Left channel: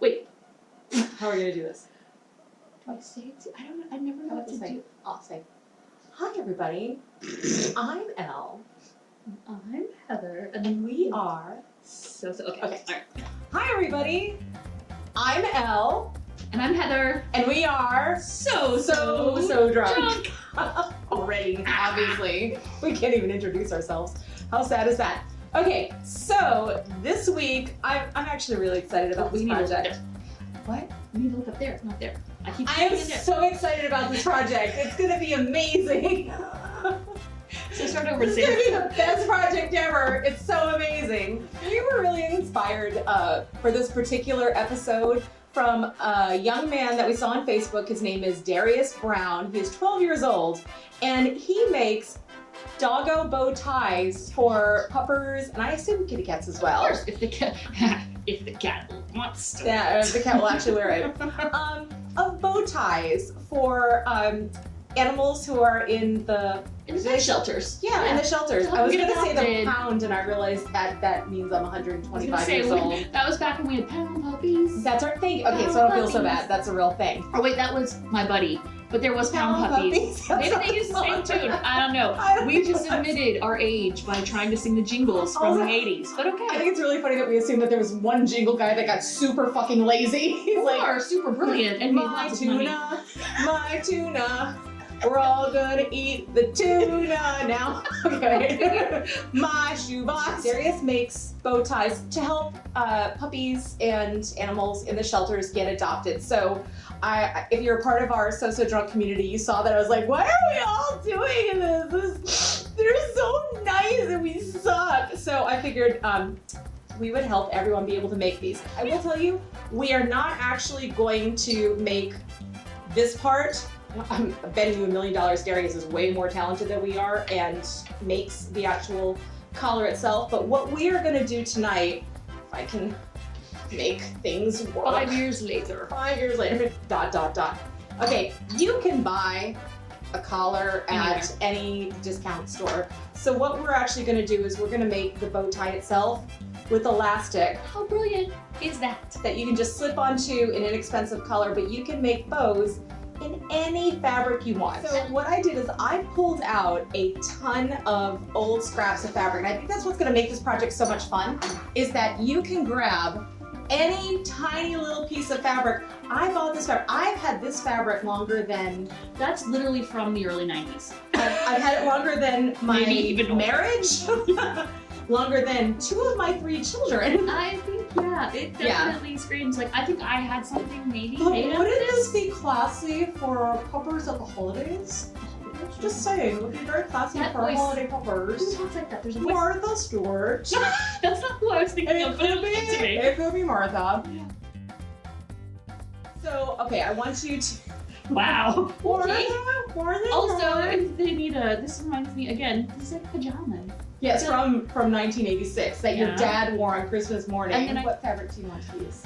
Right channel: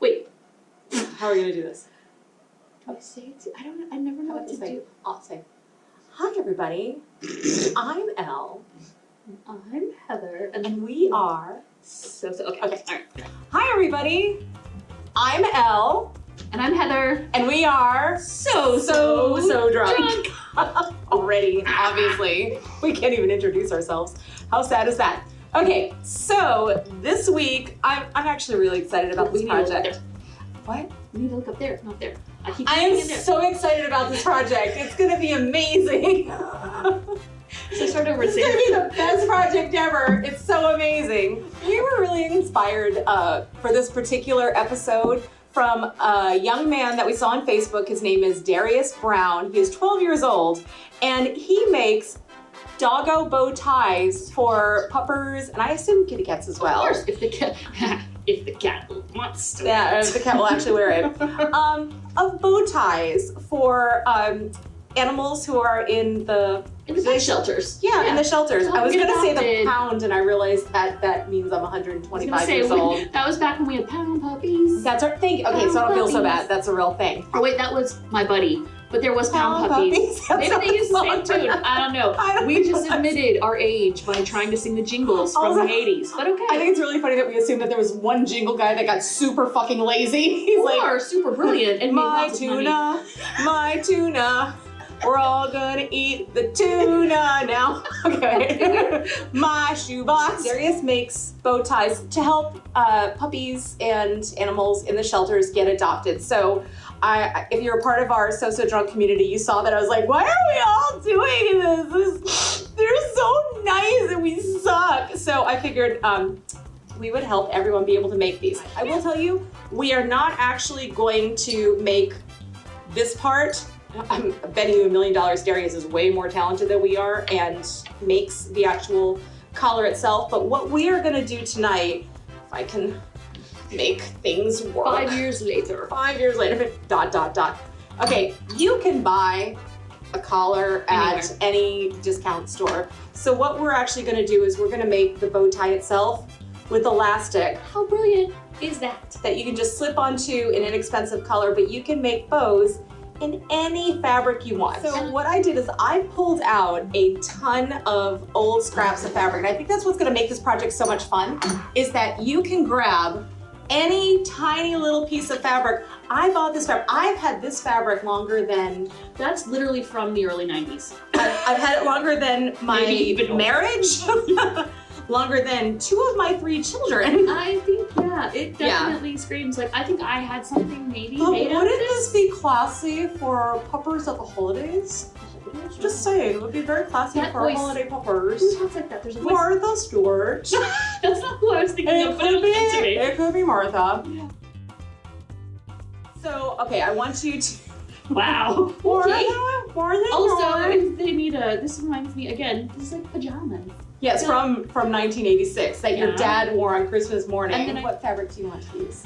Wait. How are we gonna do this? Do I say it? I never know what to do. I'll say, hi everybody, I'm Elle. I'm Heather. And we are Okay. Okay. All right. Hi everybody, I'm Elle. And I'm Heather. And we are so drunk. Already, obviously. We can't even introduce ourselves. How sad is that? Okay, so this week, I'm actually really excited about this project. What? We need to look up there, not there. I am so excited about this project. It's gonna be amazing. So start over. It's gonna be the best project ever. It's so amazing. We were really inspired for this particular episode from a young man that we saw on Facebook. His name is Darius Brown. He is 12 years old, and he makes doggo bow ties for puppers, and I assume kitty cats as well. Of course, if the cat wants to. Yeah, the cat will actually wear it. Of bow ties for animals who are in the pet shelters. Yeah, in the shelters. I was gonna say the adopted. pound, and I realized that means I'm 125 years old. That was back when we had pound puppies. That's our thing. Okay, so I don't feel so bad. That's a real thing. Oh wait, that was my buddy. But there was pound puppies. Maybe they used the same tune. I don't know. We just admitted our age by trying to sing the jingles from the 80s. But okay. I think it's really funny that we assumed that there was one jingle guy that got super fucking lazy. He's like, super brilliant and my made lots of money. my tuna. We're all gonna eat the tuna now. Okay. My shoebox. Darius makes bow ties to help puppies and animals in the shelters get adopted. So if you're a part of our So Drunk community, you saw that I was like, why are we all doing this? They're so nice and we suck. So I figured we would help everyone be able to make these. I will tell you, we are not actually going to make this part. I'm betting you $1 million Darius is way more talented than we are and makes the actual collar itself. But what we are gonna do tonight, if I can make things work. 5 years later. 5 years later, ... Okay, you can buy a collar at any discount store. So what we're actually gonna do is we're gonna make the bow tie itself with elastic. How brilliant is that? That you can just slip onto an inexpensive collar, but you can make bows in any fabric you want. So what I did is I pulled out a ton of old scraps of fabric, and I think that's what's gonna make this project so much fun, is that you can grab any tiny little piece of fabric. I bought this fabric. I've had this fabric longer than... That's literally from the early 90s. I've had it longer than my marriage. Longer than 2 of my 3 children. I think, yeah, it definitely screams like, I think I had something maybe made Wouldn't this be classy for puppers at the holidays? Just saying, it would be very classy for holiday puppers. Who talks like that? There's a voice. Martha Stewart. That's not who I was thinking of, but it was to me. It could be Martha. Yeah. So, okay, I want you to... Wow. Okay. Also, if they need this reminds me, again, this is like pajamas. Yes, from 1986 that your dad wore on Christmas morning. And then what fabric do you want to use?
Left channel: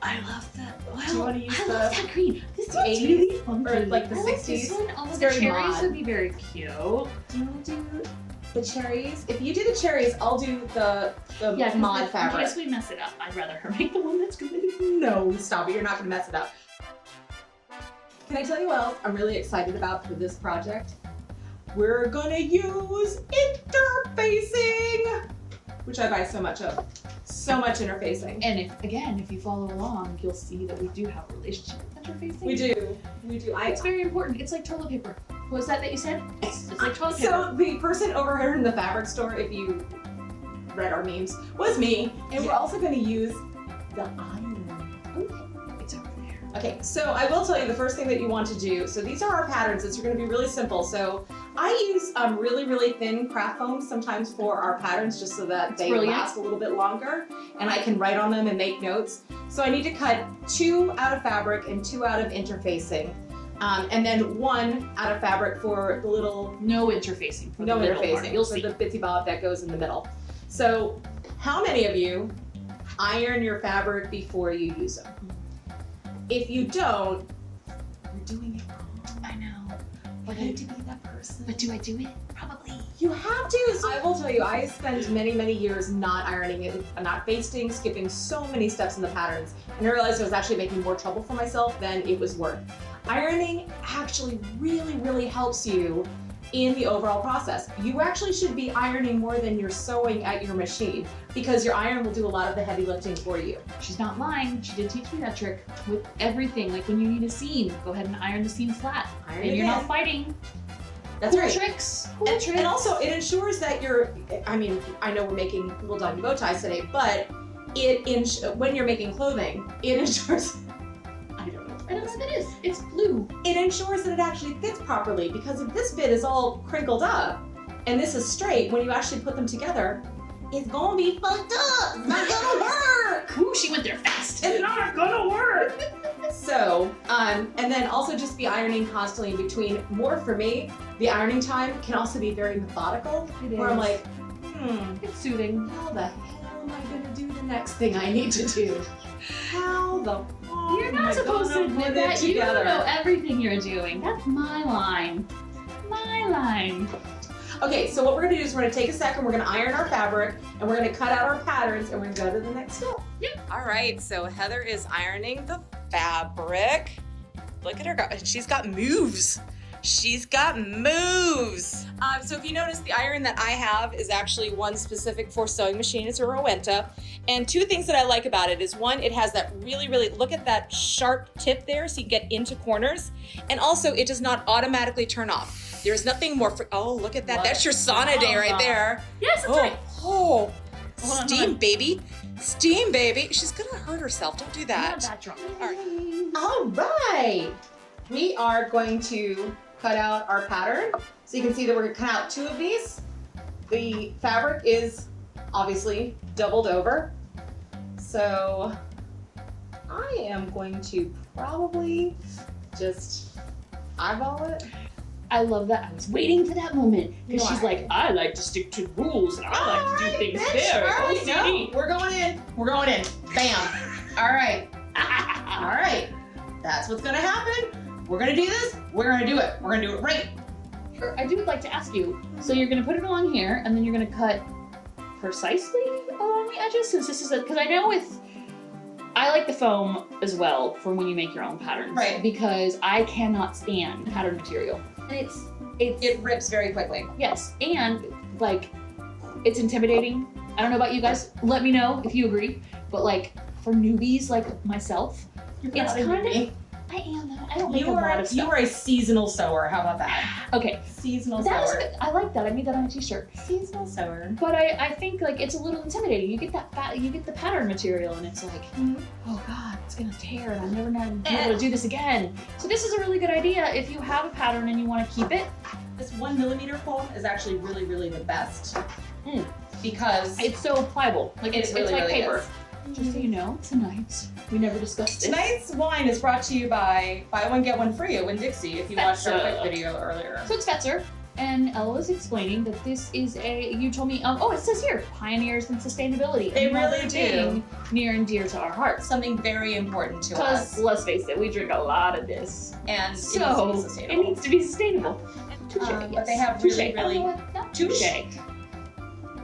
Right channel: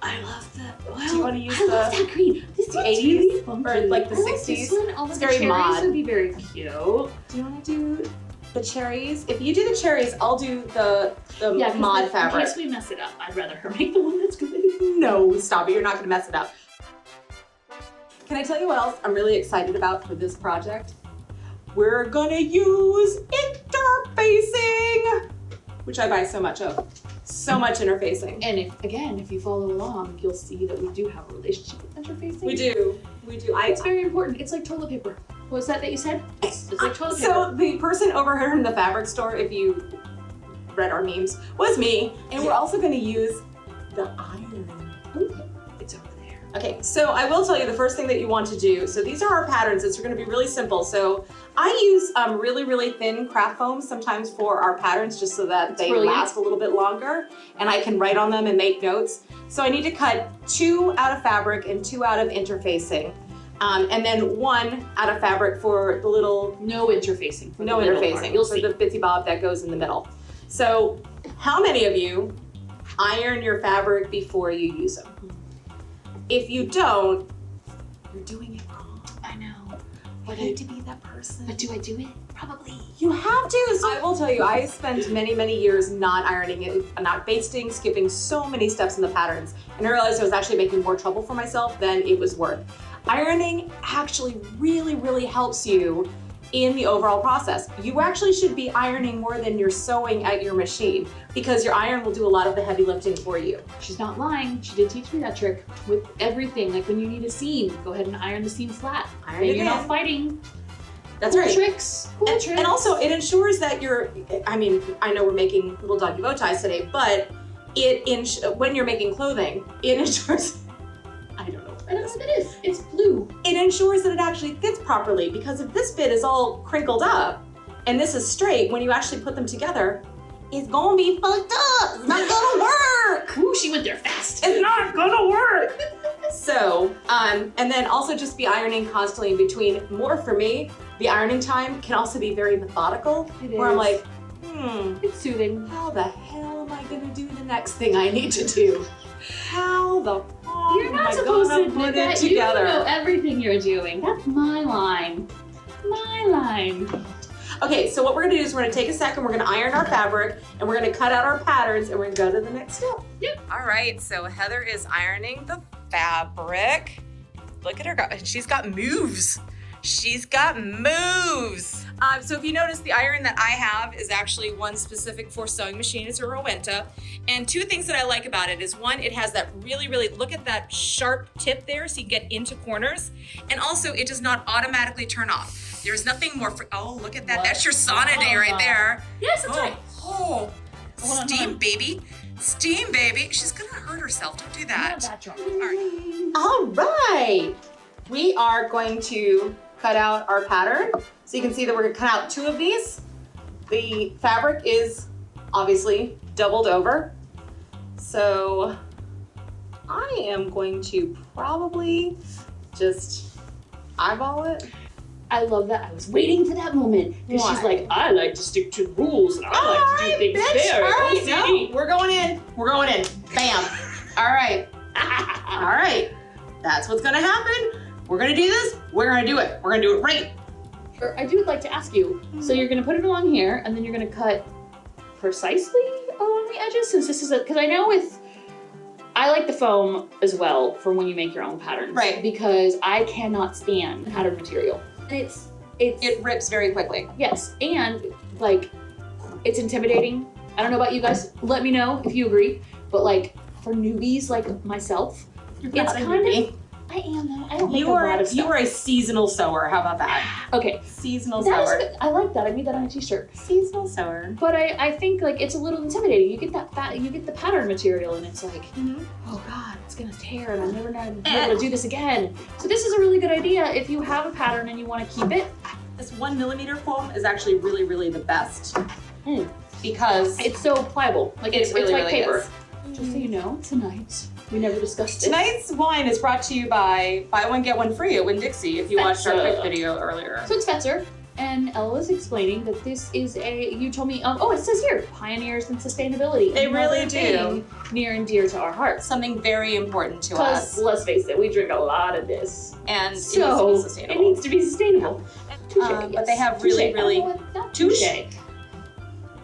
I love that. Well, do you want to use I love that green. This is 80s or like the 60s? Like this one. Although it's the very cherries mod. would be very cute. Do you want to do the cherries? If you do the cherries, I'll do the mod fabric. In case we mess it up, I'd rather her make the one that's good. No, stop it. You're not going to mess it up. Can I tell you what else I'm really excited about for this project? We're gonna use interfacing, which I buy so much of. So much interfacing. And if you follow along, you'll see that we do have a relationship with interfacing. We do. It's very important. It's like toilet paper. What was that you said? It's like toilet paper. So the person over here in the fabric store, if you read our memes, was me. And we're also gonna use the iron. Okay. It's over there. Okay, so I will tell you the first thing that you want to do. So these are our patterns. It's going to be really simple. So I use really, really thin craft foam sometimes for our patterns just so that they last a little bit longer and I can write on them and make notes. So I need to cut 2 out of fabric and 2 out of interfacing. And then 1 out of fabric for the little... No interfacing. No interfacing. You'll see. For the bitsy bob that goes in the middle. So how many of you iron your fabric before you use them? If you don't, you're doing it wrong. I know. You need to be that person person. But do I do it? Probably. You have to. So I will tell you, I spent many, many years not ironing it, not basting, skipping so many steps in the patterns. And I realized I was actually making more trouble for myself than it was worth. Ironing actually really, really helps you in the overall process. You actually should be ironing more than you're sewing at your machine because your iron will do a lot of the heavy lifting for you. She's not lying. She did teach me that trick with everything. Like when you need a seam, go ahead and iron the seam flat. Iron Then it you're in. not fighting. That's Cool right. tricks. Cool tricks. And also it ensures that I mean, I know we're making little doggy bow ties today, but when you're making clothing, it ensures, I don't know. I don't know what that is. It's blue. It ensures that it actually fits properly because if this bit is all crinkled up and this is straight, when you actually put them together, it's gonna be fucked up. It's not gonna work. Ooh, she went there fast. It's not gonna work. So, and then also just be ironing constantly in between. More for me, the ironing time can also be very methodical. It where I'm is. like, It's soothing. how the hell am I gonna do the next thing I need to do? How the fuck You're am not I supposed to gonna admit put it that. You together? know everything you're doing. That's my line. My line. Okay, so what we're gonna do is we're gonna take a second, we're gonna iron our fabric, and we're gonna cut out our patterns, and we're gonna go to the next step. Yep. All right, so Heather is ironing the fabric. Look at her go, she's got moves. She's got moves. So if you notice, the iron that I have is actually one specific for sewing machine. It's a Rowenta. And two things that I like about it is one, it has that really, look at that sharp tip there so you get into corners. And also it does not automatically turn off. There's nothing more oh, look at that. What? That's your sauna day right there. Yes, that's right. Oh, Hold on, steam, hold on. baby. Steam, baby. She's gonna hurt herself. Don't do I'm that. not that drunk. All right. We are going to cut out our pattern. So you can see that we're gonna cut out two of these. The fabric is obviously doubled over. So I am going to probably just eyeball it. I love that. I was waiting for that moment because she's Why? like, I like to stick to rules and I like to do things very OCD. No, we're going in. We're going in. Bam. All right. All right. That's what's gonna happen. We're gonna do this. We're gonna do it. We're gonna do it right. I do like to ask you, so you're gonna put it along here and then you're gonna cut precisely along the edges since this is because I know I like the foam as well for when you make your own patterns. Right. Because I cannot stand pattern material. And It rips very quickly. yes, and like it's intimidating. I don't know about you guys. Let me know if you agree. But like for newbies like myself, it's kind of I am though. I don't make a lot of stuff. You are a seasonal sewer. How about that? Okay. Seasonal That is sewer. good. I like that. I made that on a t-shirt. Seasonal sewer. But I think like it's a little intimidating. You get you get the pattern material and it's like, oh God, it's gonna tear and I'm never gonna be able to do this again. So this is a really good idea if you have a pattern and you want to keep it. This 1 millimeter foam is actually really, really the best because It's so pliable. Like it's really, like really paper. is. Just so you know, tonight we never discussed this. Tonight's wine is brought to you by Buy One Get One Free at Winn-Dixie. If you watched our quick video earlier. So it's Fetzer, and Ella was explaining that this is you told me, it says here, pioneers in sustainability. They Another really do. thing near and dear to our hearts. Something very important to Because us, let's face it, we drink a lot of this. and So it it needs to be sustainable. Touche, But they have Touche. really, really- I don't know what- not Touche?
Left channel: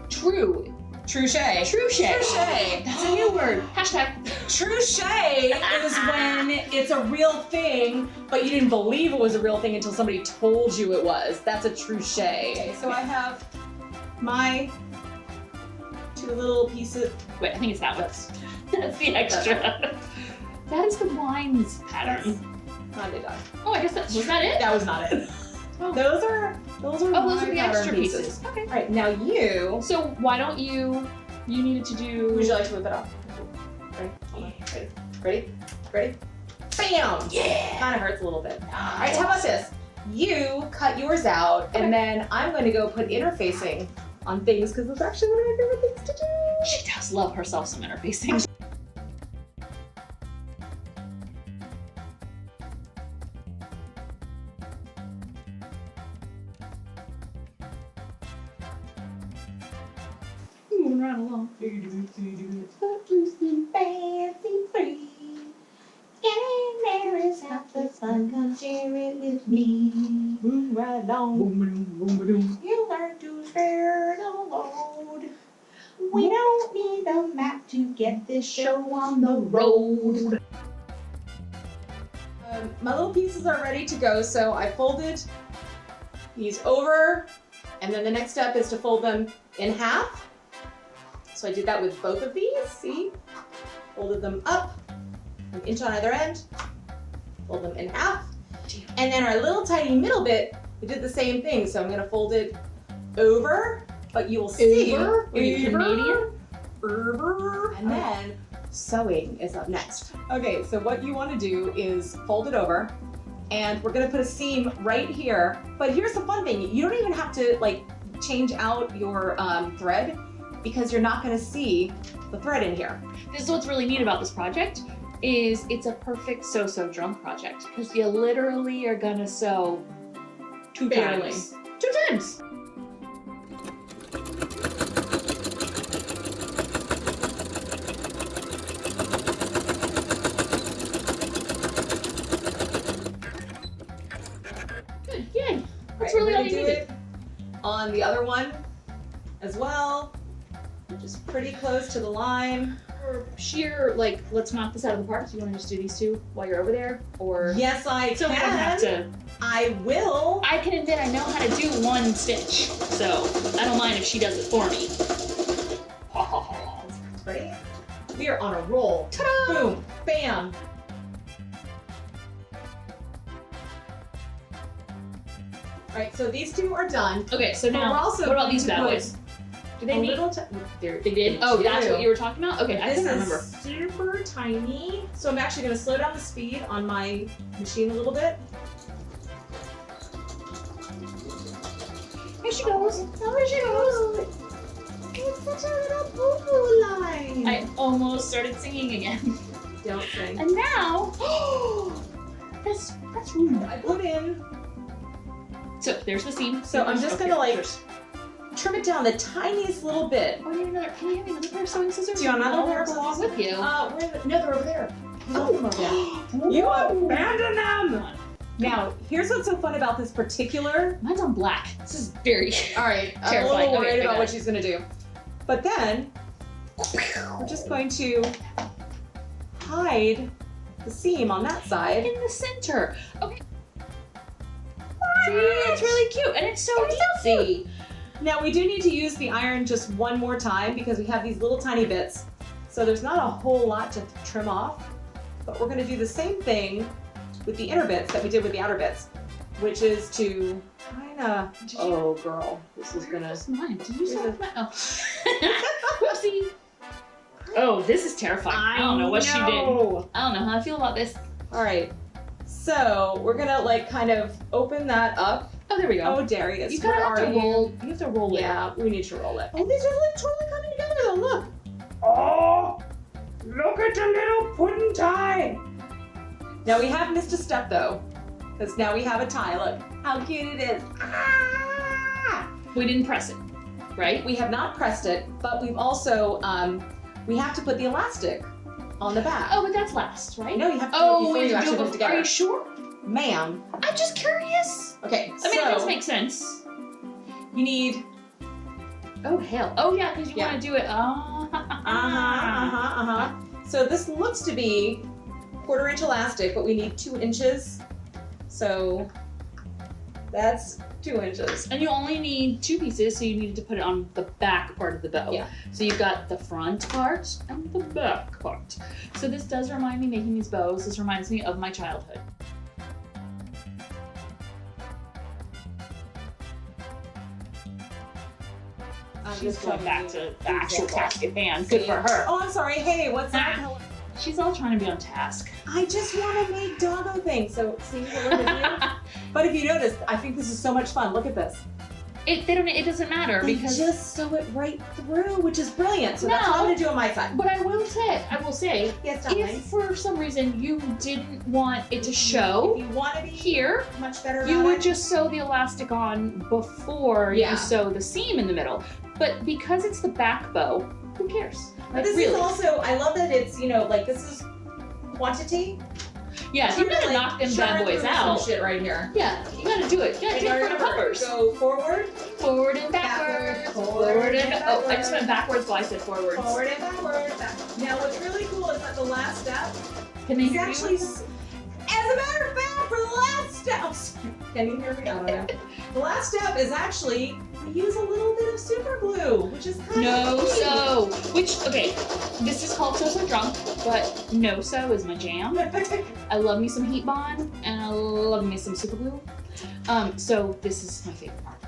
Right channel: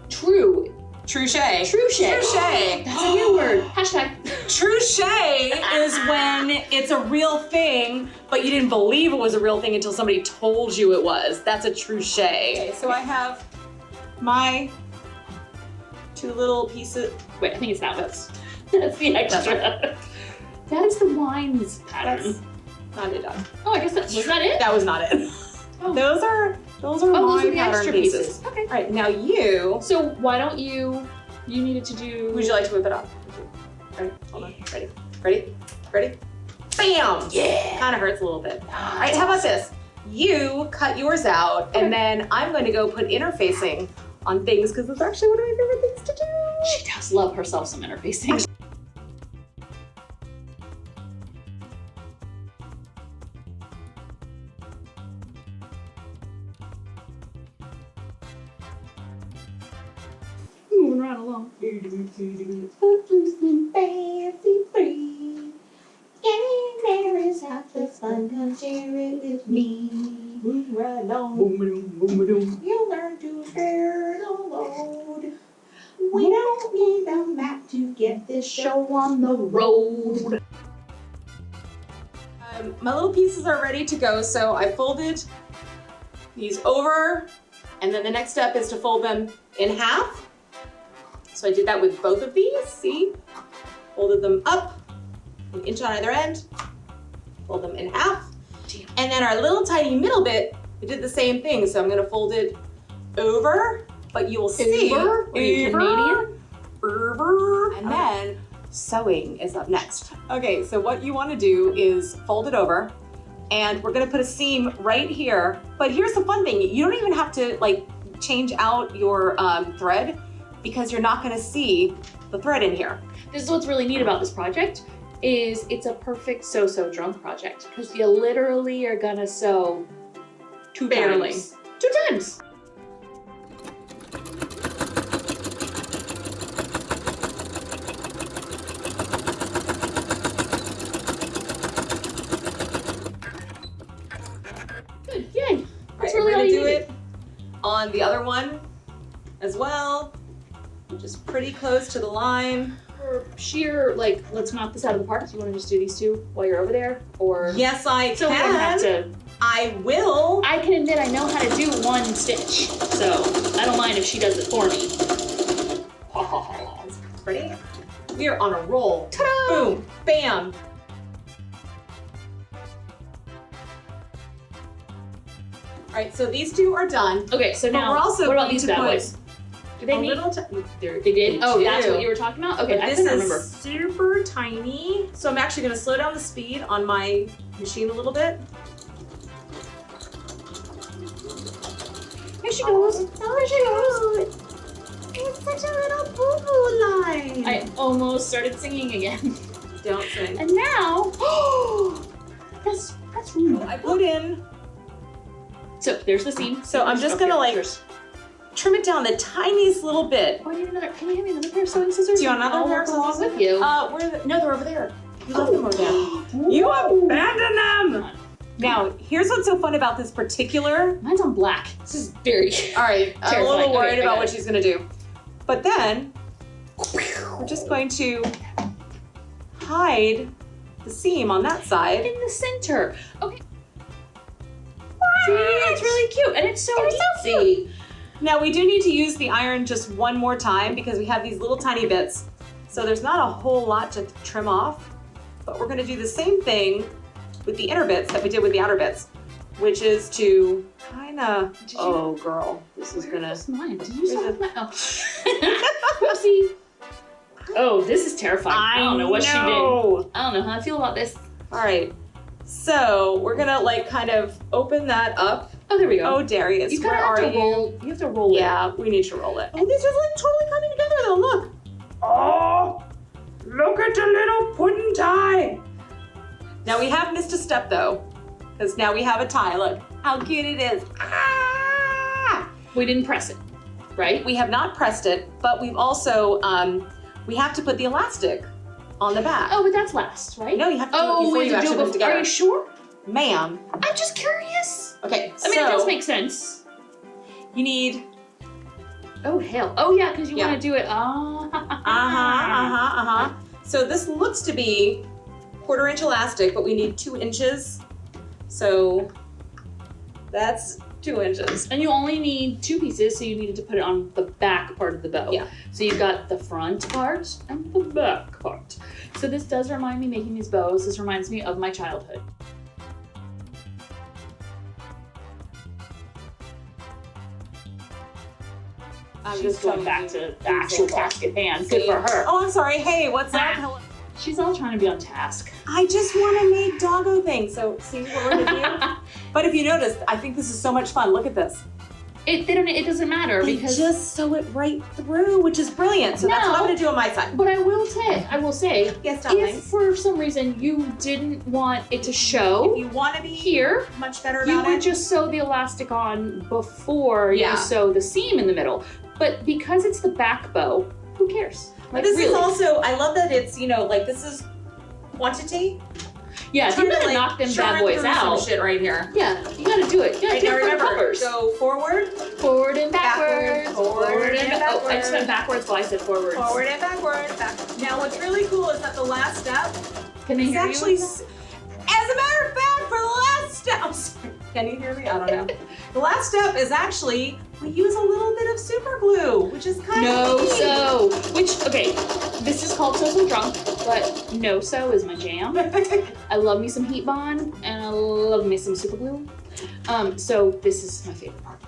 True. Trouche. Trouche. Trouche. That's a new word. Hashtag. Trouche is when it's a real thing, but you didn't believe it was a real thing until somebody told you it was. That's a trouche. Okay, so I have my two little pieces. Wait, I think it's that one. That's the extra. That is the wine's pattern. That's not it, Dog. Oh, I guess was that it? That was not it. Oh. Those are Oh, my those are the pattern extra pieces. Okay. All right, now you. So why don't you needed to do... Would you like to whip it off? Ready? Hold on. Ready? Ready? Ready? Bam! Yeah! Kind of hurts a little bit. All right, how about this? You cut yours out, Okay. and then I'm going to go put interfacing on things because it's actually one of my favorite things to do. She does love herself some interfacing. Moving right along. Footloose and fancy free. Getting there is half the fun. Come share it with me. right along. Boom, boom, boom, boom. You learn to share the load. We don't need a map to get this show on the road. My little pieces are ready to go, so I folded these over, and then the next step is to fold them in half. So I did that with both of these, see? Folded them up, an inch on either end, fold them in half. And then our little tiny middle bit, I did the same thing. So I'm gonna fold it over, but you will see. Over? Are you Canadian? Over. And then sewing is up next. Okay, so what you wanna do is fold it over, and we're gonna put a seam right here. But here's the fun thing, you don't even have to like change out your thread, because you're not gonna see the thread in here. This is what's really neat about this project, is it's a perfect sew drunk project, because you literally are gonna sew two Barely. times. Two times. Good, yay. That's really all you do needed. it on the other one as well. Just pretty close to the line. For sheer, like, let's knock this out of the park. Do you want to just do these two while you're over there? Or Yes, I so can. we don't have to. I will. I can admit I know how to do one stitch, so I don't mind if she does it for me. Ha ha ha. Ready? We are on a roll. Ta-da! Boom, bam. All right, so these two are done. Okay, so But now, we're also what about going these to bad put boys? Do they a need? little They did? Oh, that's do. what you were talking about? Okay, I This couldn't is remember. super tiny. So I'm actually gonna slow down the speed on my machine a little bit. Here she goes. Here she goes. It's such a little boo-boo line. I almost started singing again. Don't sing. And now, that's really I put in, So there's the seam. So I'm just gonna, like, trim it down the tiniest little bit. Oh, I need another. Can you hand me another pair of sewing scissors? Do you want another I'll pair of work along scissors? with you? No, they're over there. You left them over there. You abandoned them! Now, here's what's so fun about this particular. Mine's on black. This is very. All right, I'm a Terrifying. little Okay, worried I got about it. what she's gonna do. But then, we're just going to hide the seam on that side. In the center. Okay. See, it's really cute, and it's so easy. Now, we do need to use the iron just one more time because we have these little tiny bits. So there's not a whole lot to trim off, but we're gonna do the same thing with the inner bits that we did with the outer bits, which is to kinda, oh girl, this is gonna. Where's mine? Did you Here's sew a- my? Oh. Whoopsie. Oh, this is terrifying. I don't know what she did. I don't know how I feel about this. All right, so we're gonna like kind of open that up. Oh, there we go. Oh, Darius, You where kind of are have to you? roll. You have to roll it. Yeah, we need to roll it. Oh, these are like totally coming together though, look. Oh, look at the little pudding tie. Now we have missed a step though, because now we have a tie. Look how cute it is. Ah! We didn't press it, right? We have not pressed it, but we've also, we have to put the elastic on the back. Oh, but that's last, right? No, you have to do it Oh, before we you have to actually do put it it before. together. Are you sure? Ma'am. I'm just curious. Okay, I mean, it does make sense. you need, Oh, hell. Oh, yeah, because you Yeah. want to do it. So this looks to be 1/4 inch elastic, but we need 2 inches. So that's 2 inches. And you only need 2 pieces, so you needed to put it on the back part of the bow. Yeah. So you've got the front part and the back part. So this does remind me, making these bows, this reminds me of my childhood. I'm She's going back to the actual task at hand. Good See? for her. Oh, I'm sorry. Hey, what's up? Ah. Hello. She's all trying to be on task. I just want to make doggo things. So see what we're gonna do? But if you notice, I think this is so much fun. Look at this. It doesn't matter They because. just sew it right through, which is brilliant. So that's what I'm No. gonna do on my side. But I will say, Yes, if for some reason you didn't want it to show If you want to be here, much better you about would it, just sew the elastic on before Yeah. you sew the seam in the middle. But because it's the back bow, who cares? But Like, this really. is also, I love that it's, you know, like this is quantity. Yeah, if you're gonna knock them bad boys out. Shit right here. Yeah, you gotta do it. You gotta do it for the puppers. Go forward. Forward and backwards. Forward and backwards. Oh, I just went backwards while I said forwards. Forward and backward. Now, what's really cool is that the last step Can they is hear actually, you? as a matter of fact, for the last step, I'm sorry, can you hear me? I don't know. The last step is actually, we use a little bit of super glue, which is kind of neat. Okay, this is called So Drunk, but no-so is my jam. I love me some heat bond, and I love me some super glue. So this is my favorite part.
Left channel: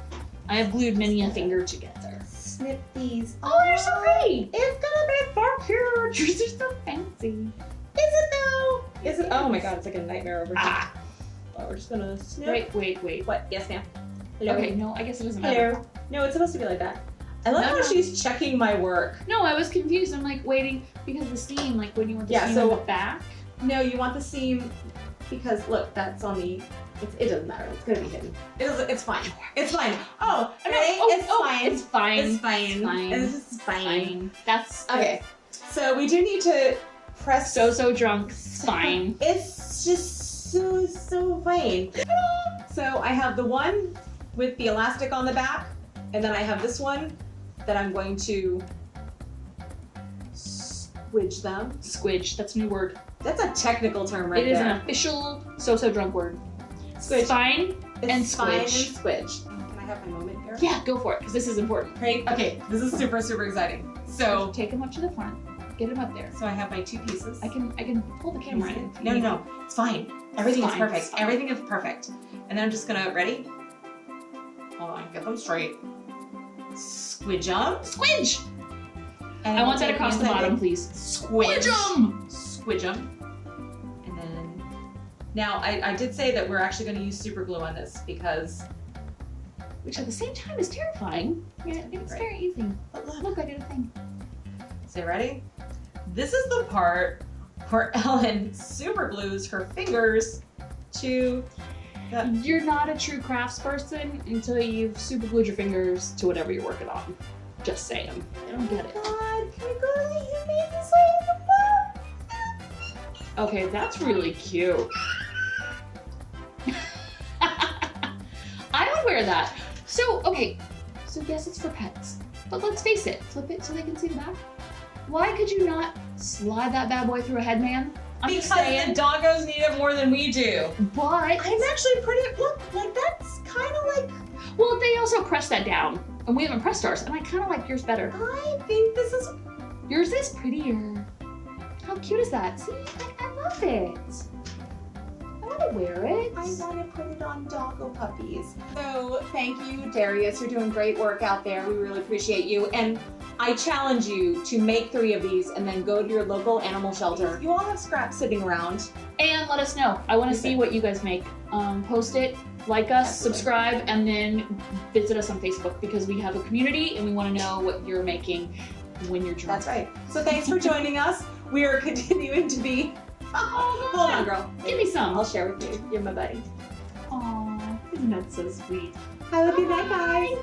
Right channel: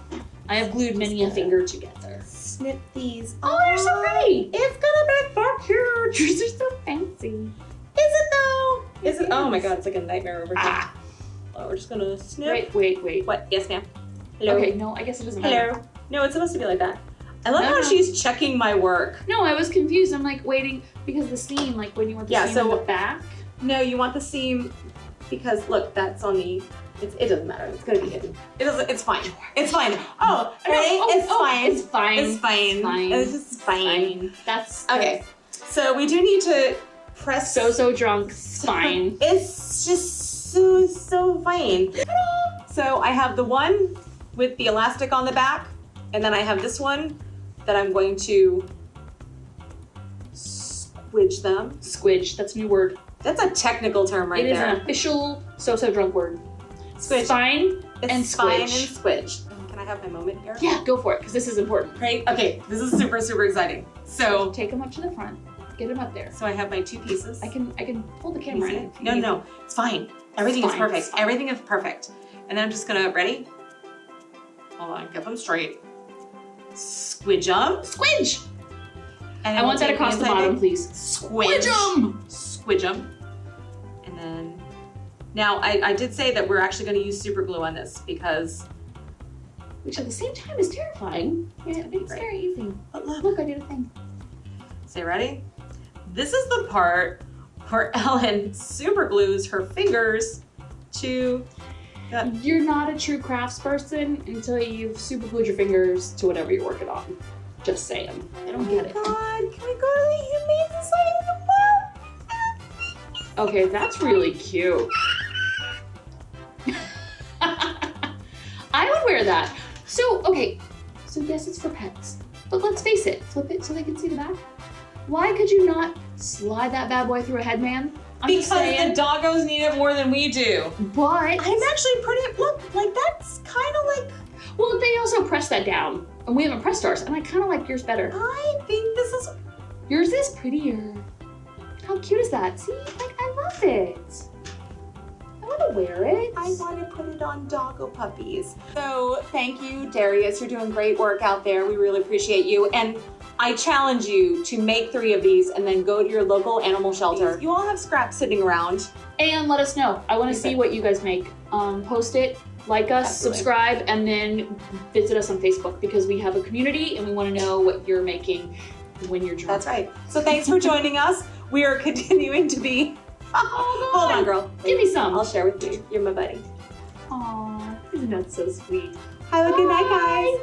I have glued many a finger together. Snip these. Oh, they're so pretty. It's gonna be so cute. Yours are so fancy. Is it though? Is it? Oh my god, it's like a nightmare over here. Ah. Oh, we're just gonna snip. Wait. What? Yes, ma'am. Hello. Okay, no, I guess it doesn't matter. Hello. No, it's supposed to be like that. I love how she's checking my work. No, I was confused. I'm like waiting because the seam, like when you want the seam in the back. No, you want the seam because look, that's on the. It doesn't matter. It's gonna be hidden. It's fine. It's fine. Oh, ready? It's fine. It's fine. It's fine. Fine. It's just fine. That's okay. So we do need to press. So drunk. Fine. It's just so fine. So I have the one with the elastic on the back, and then I have this one that I'm going to squidge them. Squidge. That's a new word. That's a technical term right there. It is an official so drunk word. Squidge. Spine and Spine and squidge. squidge. Can I have my moment here? Yeah, go for it, because this is important. Right? Okay, this is super exciting. So take them up to the front. Get them up there. So I have my two pieces. I can pull the camera in. No, it's fine. Everything is perfect. It's fine. Everything is perfect. And then I'm just gonna, ready? Hold on, get them straight. Squidge them. Squidge! And I want that take across the inside bottom, leg. please. Squidge them. Squidge them. And then, now I did say that we're actually gonna use super glue on this because. Which at the same time is terrifying. Yeah, it's very easy. But Look, I did a thing. So ready? This is the part where Ellen super glues her fingers to the... You're not a true crafts person until you've super glued your fingers to whatever you're working on. Just saying. I don't get it. God, can we go to the humane society of the farm? Okay, that's really cute. I would wear that. So yes, it's for pets, but let's face it, flip it so they can see the back. Why could you not slide that bad boy through a headband? Because the doggos need it more than we do. But I'm actually look, like that's kind of like. Well, they also press that down, and we haven't pressed ours, and I kind of like yours better. I think this is. Yours is prettier. How cute is that? See, like I love it. I want to wear it. I want to put it on doggo puppies. So thank you, Darius. You're doing great work out there. We really appreciate you. And I challenge you to make 3 of these and then go to your local animal shelter. You all have scraps sitting around. And let us know. I want to see what you guys make. Post it, like us, subscribe, and then visit us on Facebook because we have a community and we want to know what you're making when you're drunk. That's right. So thanks for joining us. We are continuing to be... Oh, hold on, girl. Give me some. I'll share with you. You're my buddy. Aw, isn't that so sweet? Have a good night, guys.